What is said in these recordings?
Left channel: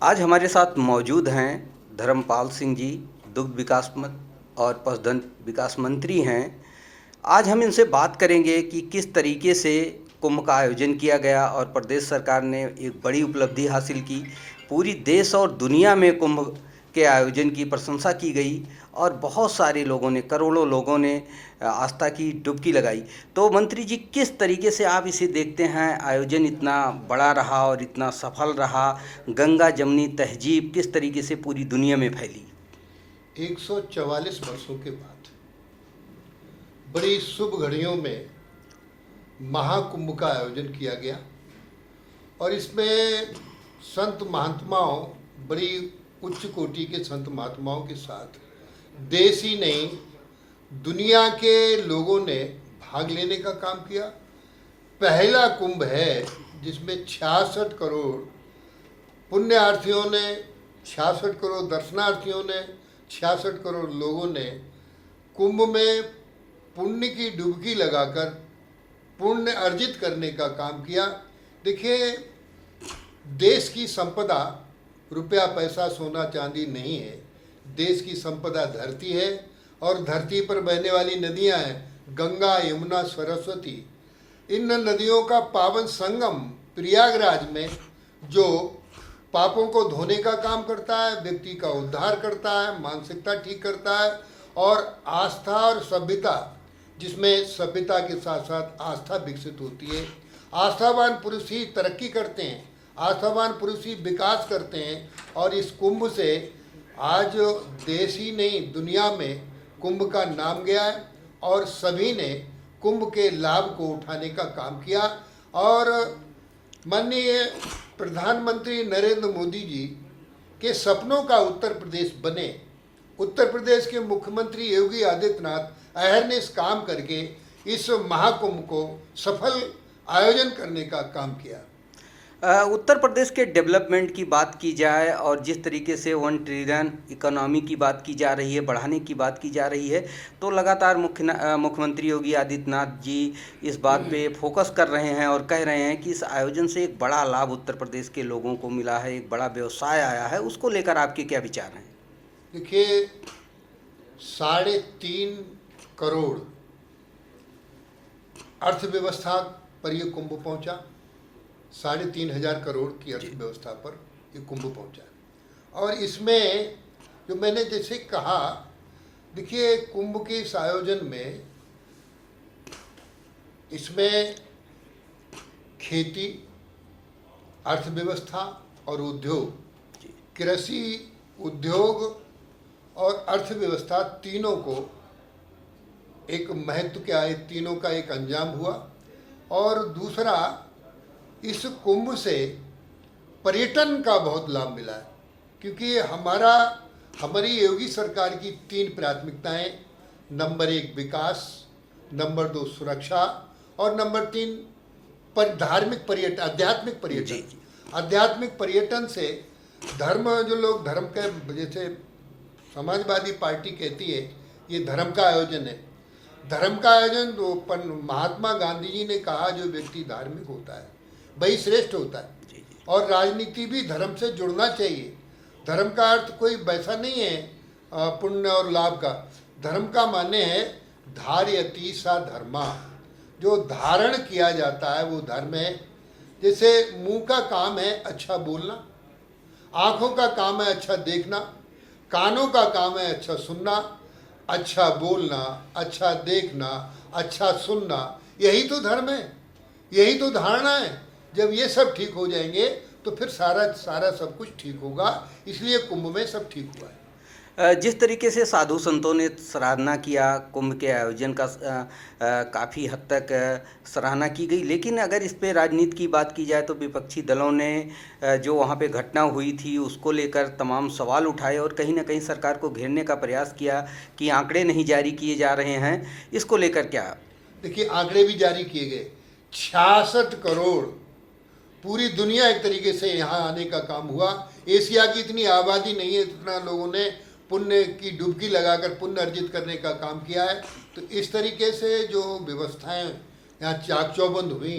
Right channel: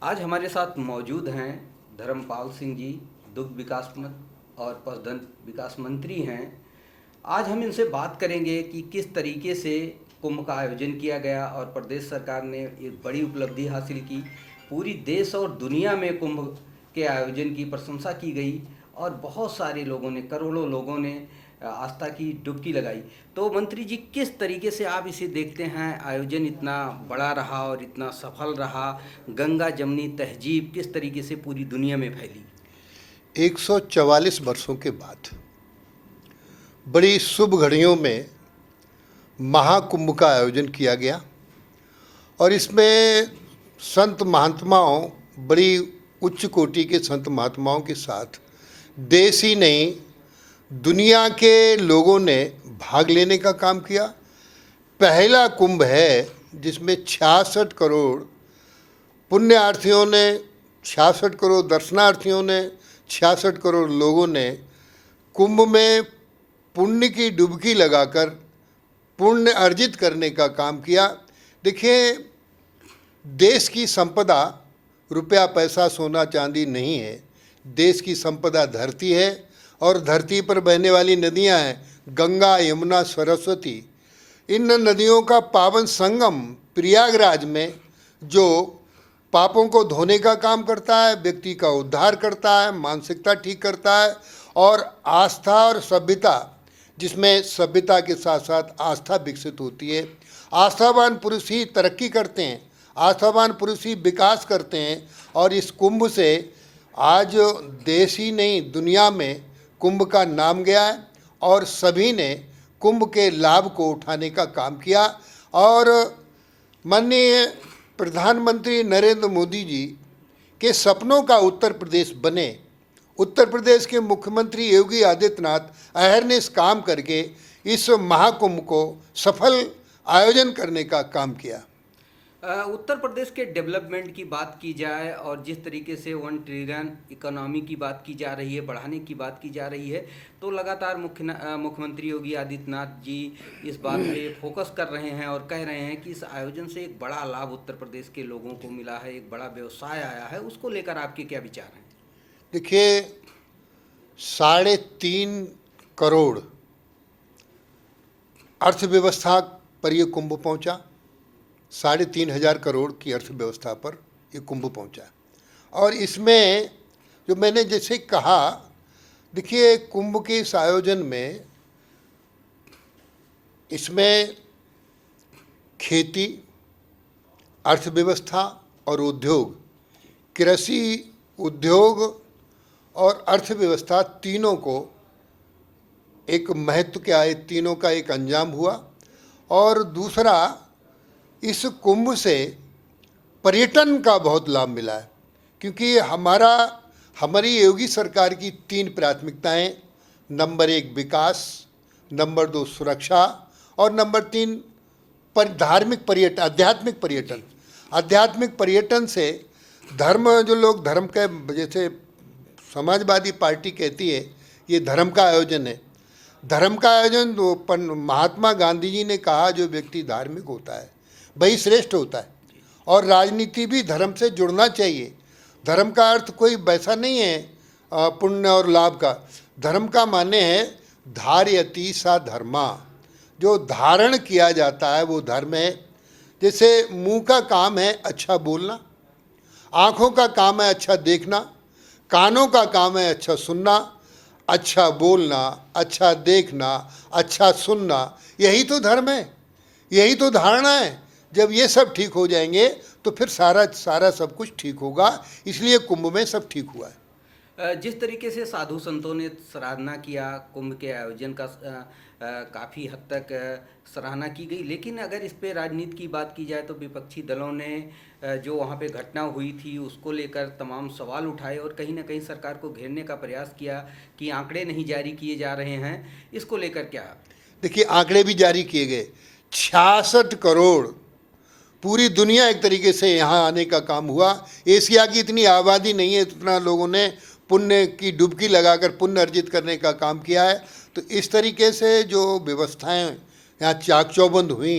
आज हमारे साथ मौजूद हैं धर्मपाल सिंह जी, दुग्ध विकास और पशुधन विकास मंत्री हैं। आज हम इनसे बात करेंगे कि किस तरीके से कुंभ का आयोजन किया गया और प्रदेश सरकार ने एक बड़ी उपलब्धि हासिल की। पूरी देश और दुनिया में कुंभ के आयोजन की प्रशंसा की गई और बहुत सारे लोगों ने, करोड़ों लोगों ने आस्था की डुबकी लगाई। तो मंत्री जी, किस तरीके से आप इसे देखते हैं? आयोजन इतना बड़ा रहा और इतना सफल रहा, गंगा जमनी तहजीब किस तरीके से पूरी दुनिया में फैली? 144 वर्षों के बाद बड़ी शुभ घड़ियों में महाकुंभ का आयोजन किया गया और इसमें संत महात्माओं, बड़ी उच्च कोटि के संत महात्माओं के साथ देश ही नहीं दुनिया के लोगों ने भाग लेने का काम किया। पहला कुंभ है जिसमें 66 करोड़ पुण्यार्थियों ने, 66 करोड़ दर्शनार्थियों ने, 66 करोड़ लोगों ने कुंभ में पुण्य की डुबकी लगाकर पुण्य अर्जित करने का काम किया। देखिए, देश की संपदा रुपया पैसा सोना चांदी नहीं है। देश की संपदा धरती है और धरती पर बहने वाली नदियां हैं गंगा, यमुना, सरस्वती। इन नदियों का पावन संगम प्रयागराज में जो पापों को धोने का काम करता है, व्यक्ति का उद्धार करता है, मानसिकता ठीक करता है और आस्था और सभ्यता, जिसमें सभ्यता के साथ साथ आस्था विकसित होती है। आस्थावान पुरुष ही तरक्की करते हैं, आस्थावान पुरुष ही विकास करते हैं और इस कुंभ से आज देश ही नहीं दुनिया में कुंभ का नाम गया है और सभी ने कुंभ के लाभ को उठाने का काम किया। और माननीय प्रधानमंत्री नरेंद्र मोदी जी के सपनों का उत्तर प्रदेश बने। उत्तर प्रदेश के मुख्यमंत्री योगी आदित्यनाथ अहरनिश काम करके इस महाकुंभ को सफल आयोजन करने का काम किया। उत्तर प्रदेश के डेवलपमेंट की बात की जाए और जिस तरीके से 1 ट्रिलियन इकोनॉमी की बात की जा रही है, बढ़ाने की बात की जा रही है, तो लगातार मुख्यमंत्री योगी आदित्यनाथ जी इस बात पे फोकस कर रहे हैं और कह रहे हैं कि इस आयोजन से एक बड़ा लाभ उत्तर प्रदेश के लोगों को मिला है, एक बड़ा व्यवसाय आया है। उसको लेकर आपके क्या विचार हैं? देखिए, 3.5 करोड़ अर्थव्यवस्था पर यह कुंभ पहुंचा। 3,500 करोड़ की अर्थव्यवस्था पर ये कुंभ पहुंचा और इसमें जो मैंने जैसे कहा, देखिए कुंभ के इस आयोजन में इसमें खेती, अर्थव्यवस्था और उद्योग, कृषि, उद्योग और अर्थव्यवस्था तीनों को एक महत्व क्या है, तीनों का एक अंजाम हुआ। और दूसरा, इस कुंभ से पर्यटन का बहुत लाभ मिला है क्योंकि हमारी योगी सरकार की 3 प्राथमिकताएं, नंबर 1 विकास, नंबर 2 सुरक्षा और नंबर 3 धार्मिक पर्यटन, आध्यात्मिक पर्यटन। आध्यात्मिक पर्यटन से धर्म, जो लोग धर्म के, जैसे समाजवादी पार्टी कहती है ये धर्म का आयोजन है। धर्म का आयोजन तो महात्मा गांधी जी ने कहा जो व्यक्ति धार्मिक होता है वही श्रेष्ठ होता है और राजनीति भी धर्म से जुड़ना चाहिए। धर्म का अर्थ कोई वैसा नहीं है पुण्य और लाभ का। धर्म का माने है धारयति सा धर्मा, जो धारण किया जाता है वो धर्म है। जैसे मुंह का काम है अच्छा बोलना, आँखों का काम है अच्छा देखना, कानों का काम है अच्छा सुनना, अच्छा बोलना, अच्छा देखना, अच्छा सुनना, यही तो धर्म है, यही तो धारणा है। जब ये सब ठीक हो जाएंगे तो फिर सारा सब कुछ ठीक होगा। इसलिए कुंभ में सब ठीक हुआ है। जिस तरीके से साधु संतों ने सराहना किया कुंभ के आयोजन का, काफ़ी हद तक सराहना की गई, लेकिन अगर इस पे राजनीति की बात की जाए तो विपक्षी दलों ने जो वहाँ पे घटना हुई थी उसको लेकर तमाम सवाल उठाए और कहीं ना कहीं सरकार को घेरने का प्रयास किया कि आंकड़े नहीं जारी किए जा रहे हैं। इसको लेकर क्या? देखिए, आंकड़े भी जारी किए गए। 66 करोड़ पूरी दुनिया एक तरीके से यहाँ आने का काम हुआ। एशिया की इतनी आबादी नहीं है, इतना लोगों ने पुण्य की डुबकी लगाकर पुण्य अर्जित करने का काम किया है। तो इस तरीके से जो व्यवस्थाएं यहाँ चाक चौबंद हुई,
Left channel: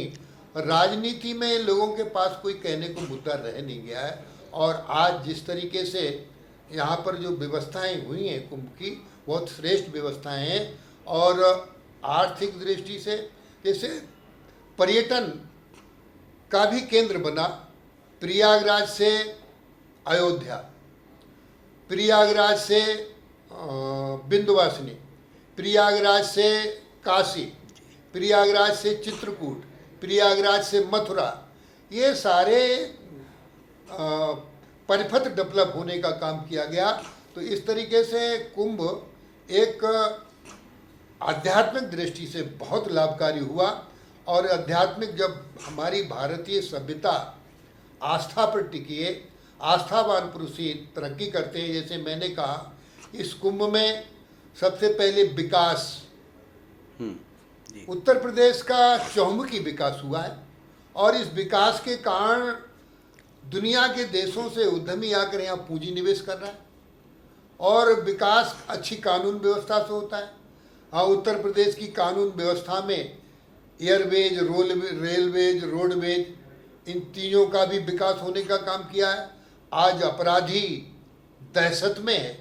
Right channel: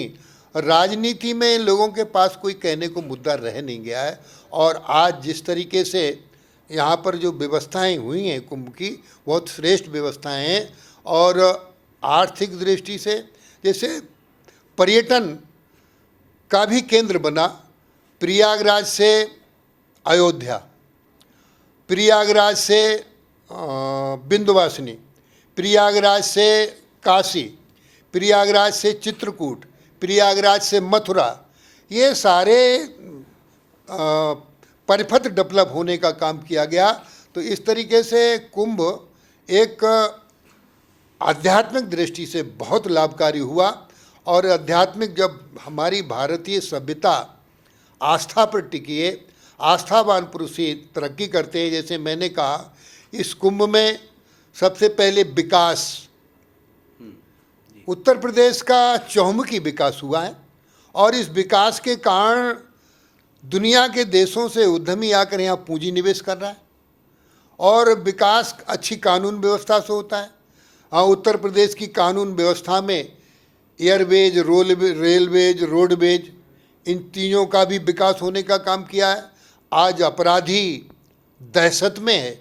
राजनीति में लोगों के पास कोई कहने को मुद्दा रह नहीं गया है और आज जिस तरीके से यहाँ पर जो व्यवस्थाएं हुई हैं कुंभ की, बहुत श्रेष्ठ व्यवस्थाएं हैं। और आर्थिक दृष्टि से जैसे पर्यटन का भी केंद्र बना, प्रयागराज से अयोध्या, प्रयागराज से विंध्यवासिनी, प्रयागराज से काशी, प्रयागराज से चित्रकूट, प्रयागराज से मथुरा, ये सारे परिपथ डेवलप होने का काम किया गया। तो इस तरीके से कुंभ एक आध्यात्मिक दृष्टि से बहुत लाभकारी हुआ। और आध्यात्मिक, जब हमारी भारतीय सभ्यता आस्था पर टिकी है, आस्थावान पुरुष ही तरक्की करते हैं। जैसे मैंने कहा, इस कुंभ में सबसे पहले विकास, उत्तर प्रदेश का चहुमुखी विकास हुआ है। और इस विकास के कारण दुनिया के देशों से उद्यमी आकर यहाँ पूंजी निवेश कर रहा है। और विकास अच्छी कानून व्यवस्था से होता है। हाँ, उत्तर प्रदेश की कानून व्यवस्था में एयरवेज, रेलवेज, रोडवेज, इन तीनों का भी विकास होने का काम किया है। आज अपराधी दहशत में है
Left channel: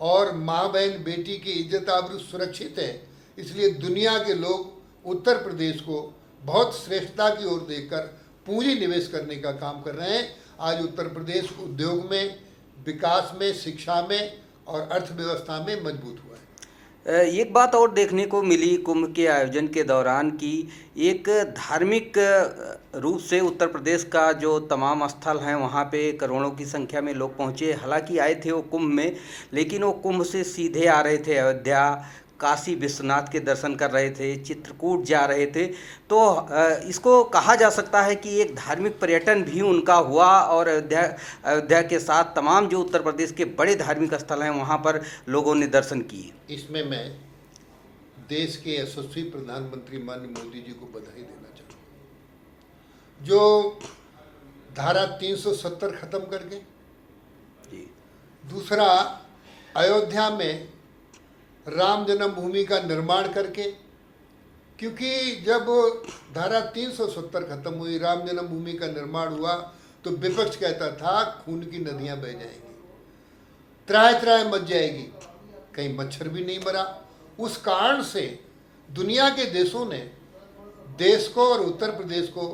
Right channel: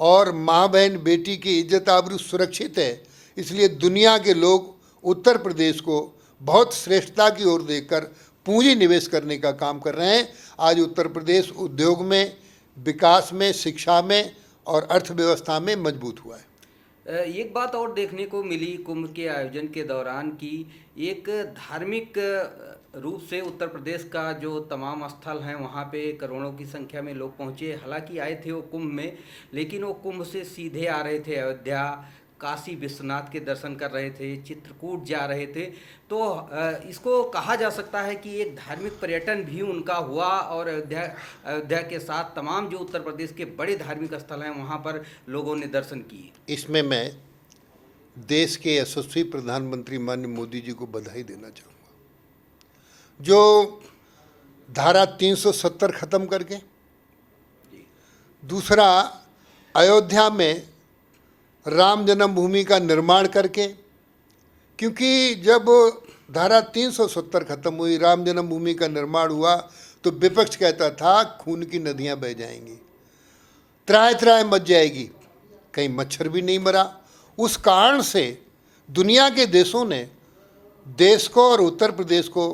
और माँ बहन बेटी की इज्जत आबरू सुरक्षित है। इसलिए दुनिया के लोग उत्तर प्रदेश को बहुत श्रेष्ठता की ओर देखकर पूंजी निवेश करने का काम कर रहे हैं। आज उत्तर प्रदेश उद्योग में, विकास में, शिक्षा में और अर्थव्यवस्था में मजबूत हुआ है। एक बात और देखने को मिली कुंभ के आयोजन के दौरान कि एक धार्मिक रूप से उत्तर प्रदेश का जो तमाम स्थल हैं वहाँ पे करोड़ों की संख्या में लोग पहुँचे। हालांकि आए थे वो कुंभ में, लेकिन वो कुंभ से सीधे आ रहे थे अयोध्या, काशी विश्वनाथ के दर्शन कर रहे थे, चित्रकूट जा रहे थे। तो इसको कहा जा सकता है कि एक धार्मिक पर्यटन भी उनका हुआ। और अयोध्या के साथ तमाम जो उत्तर प्रदेश के बड़े धार्मिक स्थल हैं वहाँ पर लोगों ने दर्शन किए। इसमें मैं देश के यशस्वी प्रधानमंत्री माननीय मोदी जी को बधाई देना चाहूँगा, जो धारा 370 खत्म करके, दूसरा अयोध्या में राम जन्मभूमि का निर्माण करके, क्योंकि जब धारा 370 खत्म हुई, राम जन्मभूमि का निर्माण हुआ, तो विपक्ष कहता था खून की नदियां बह जाएंगी, त्राय त्राय मच जाएगी, कहीं मच्छर भी नहीं मरा। उस कारण से दुनिया के देशों ने देश को और उत्तर प्रदेश को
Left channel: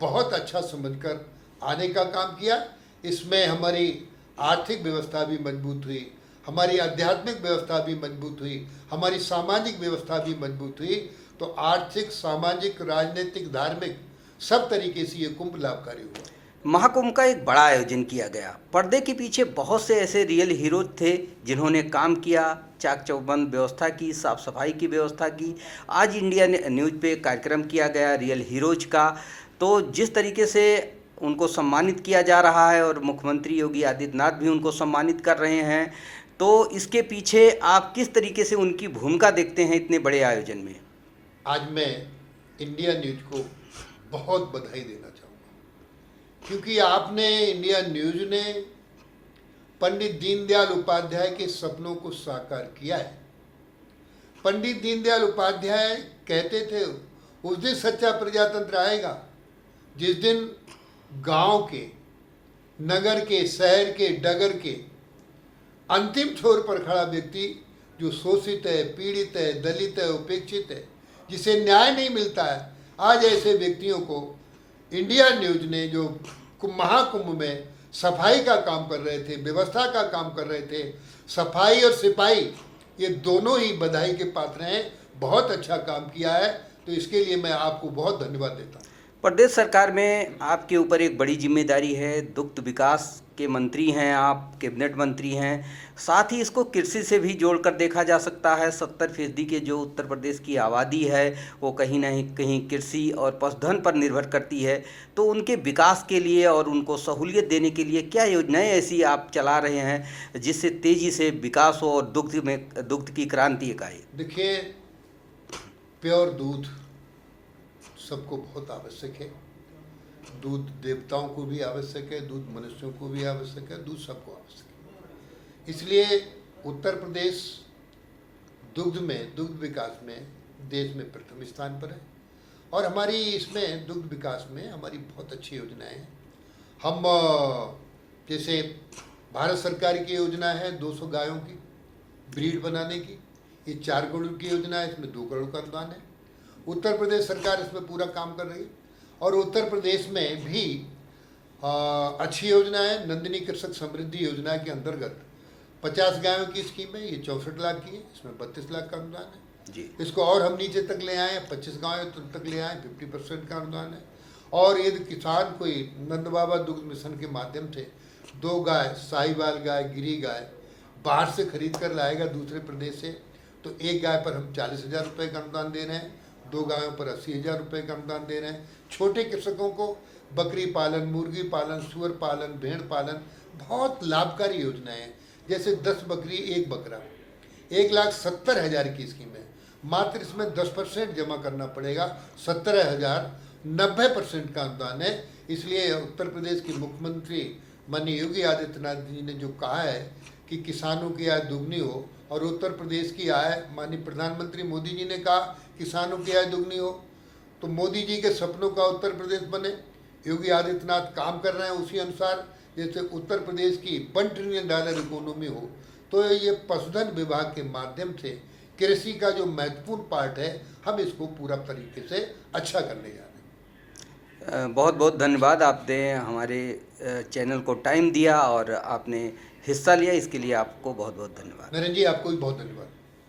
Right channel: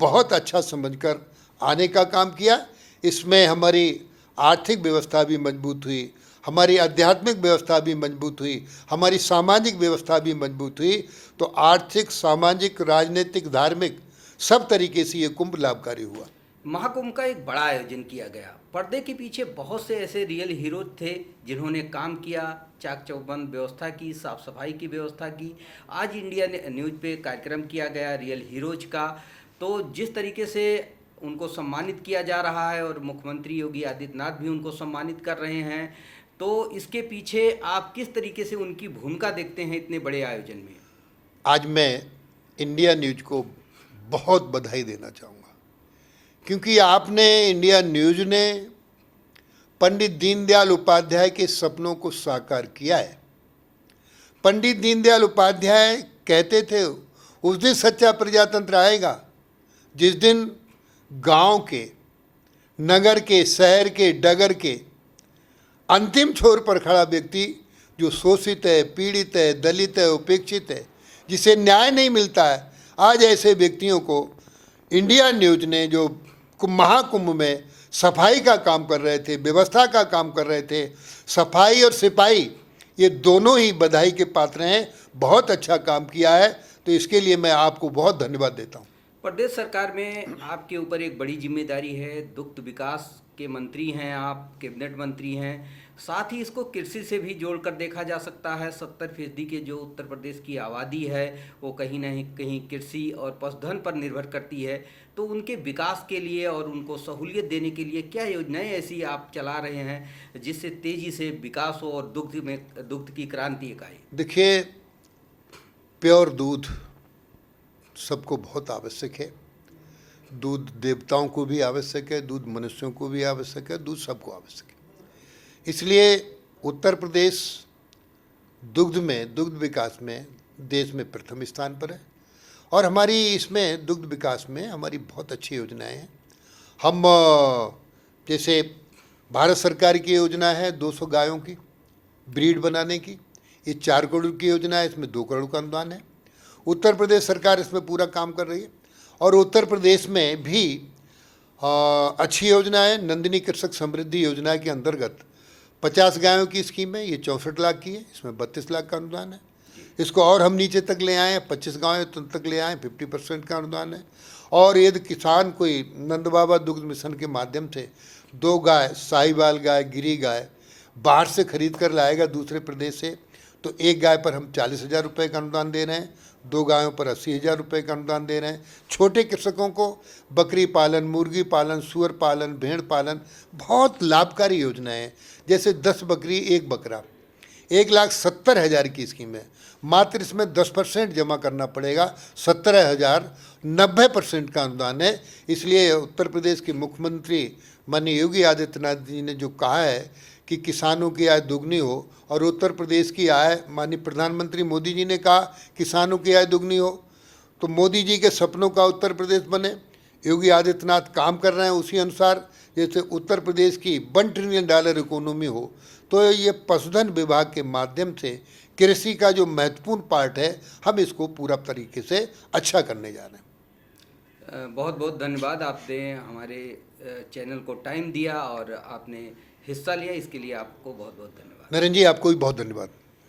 बहुत अच्छा समझकर आने का काम किया। इसमें हमारी आर्थिक व्यवस्था भी मजबूत हुई, हमारी आध्यात्मिक व्यवस्था भी मजबूत हुई, हमारी सामाजिक व्यवस्था भी मजबूत हुई। तो आर्थिक, सामाजिक, राजनीतिक, धार्मिक सब तरीके से ये कुंभ लाभकारी हुआ। महाकुंभ का एक बड़ा आयोजन किया गया। पर्दे के पीछे बहुत से ऐसे रियल हीरोज थे जिन्होंने काम किया, चाक चौबंद व्यवस्था की, साफ सफाई की व्यवस्था की। आज इंडिया न्यूज़ पे कार्यक्रम किया गया रियल हीरोज का। तो जिस तरीके से उनको सम्मानित किया जा रहा है और मुख्यमंत्री योगी आदित्यनाथ भी उनको सम्मानित कर रहे हैं, तो इसके पीछे आप किस तरीके से उनकी भूमिका देखते हैं इतने बड़े आयोजन में? आज मैं इंडिया न्यूज को बहुत बधाई देना चाहूँगा, क्योंकि आपने, इंडिया न्यूज ने पंडित दीनदयाल उपाध्याय के सपनों को साकार किया है। पंडित दीनदयाल उपाध्याय कहते थे, उस दिन सच्चा प्रजातंत्र आएगा जिस दिन गांव के, नगर के, शहर के, डगर के अंतिम छोर पर खड़ा व्यक्ति जो शोषित है, पीड़ित है, दलित है, उपेक्षित है, जिसे न्याय नहीं मिलता है, आज ऐसे व्यक्तियों को इंडिया न्यूज ने, जो महाकुंभ में सफाई का काम कर रहे थे, व्यवस्था का काम कर रहे थे, सफाई और सिपाही ये दोनों ही बधाई के पात्र हैं। बहुत अच्छा काम किया है, तो इसके लिए मैं आपको बहुत धन्यवाद देता हूँ। प्रदेश सरकार में आपके ऊपर एक बड़ी जिम्मेदारी है, दुग्ध विकास के मंत्री हैं आप, कैबिनेट मंत्री हैं। साथ ही इसको कृषि से भी जोड़कर देखा जा सकता है। 70% के जो उत्तर प्रदेश की आबादी है वो कहीं ना कहीं कृषि और पशुधन पर निर्भर करती है। तो उनके विकास के लिए और उनको सहूलियत देने के लिए क्या योजनाएं ऐसी आप चला रहे हैं जिससे तेज़ी से विकास हो और दुग्ध की क्रांति एक आए? देखिए, प्योर दूध सबको बहुत आवश्यक है। दूध देवताओं को भी आवश्यक है, दूध मनुष्यों को भी आवश्यक है, दूध सबको आवश्यक है। इसलिए उत्तर प्रदेश दुग्ध में, दुग्ध विकास में देश में प्रथम स्थान पर है। और हमारी इसमें दुग्ध विकास में हमारी बहुत अच्छी योजनाएं हैं। हम जैसे भारत सरकार की योजना है 200 गायों की ब्रीड बनाने की, ये 4 करोड़ की योजना है, इसमें 2 करोड़ का अनुदान है। उत्तर प्रदेश सरकार इसमें पूरा काम कर रही है और उत्तर प्रदेश में भी अच्छी योजना है। नंदिनी कृषक समृद्धि योजना के अंतर्गत 50 गायों की स्कीम है, ये 64 लाख की है, इसमें 32 लाख का अनुदान है। इसको और हम नीचे तक ले आए, 25 गाँव तक ले आए, 50% का अनुदान है। और यदि किसान कोई नंद बाबा दुग्ध मिशन के माध्यम से 2 गाय, साहिवाल गाय, गिरी गाय बाहर से खरीद कर लाएगा दूसरे प्रदेश से, तो 1 गाय पर हम 40,000 रुपये का अनुदान दे रहे हैं, 2 गायों पर 80,000 रुपये का अनुदान दे रहे हैं। छोटे कृषकों को बकरी पालन, मुर्गी पालन, सुअर पालन, भेड़ पालन बहुत लाभकारी योजनाएं हैं। जैसे 10 बकरी 1 बकरा 1,70,000 की स्कीम है, मात्र इसमें 10% जमा करना पड़ेगा, 17,000, 90% का अनुदान है। इसलिए उत्तर प्रदेश के मुख्यमंत्री माननीय योगी आदित्यनाथ जी ने जो कहा है कि किसानों की आय दोगुनी हो, और उत्तर प्रदेश की आय, माननीय प्रधानमंत्री मोदी जी ने कहा किसानों की आय दोगुनी हो, तो मोदी जी के सपनों का उत्तर प्रदेश बने। योगी आदित्यनाथ काम कर रहे हैं उसी अनुसार। जैसे उत्तर प्रदेश की $1 ट्रिलियन इकोनॉमी हो, तो ये पशुधन विभाग के माध्यम से कृषि का जो महत्वपूर्ण पार्ट है, हम इसको पूरा तरीके से अच्छा करने जा रहे हैं। बहुत बहुत धन्यवाद, आपने हमारे चैनल को टाइम दिया और आपने हिस्सा लिया, इसके लिए आपको बहुत बहुत धन्यवाद। नरेंद्र जी, आपको भी बहुत धन्यवाद।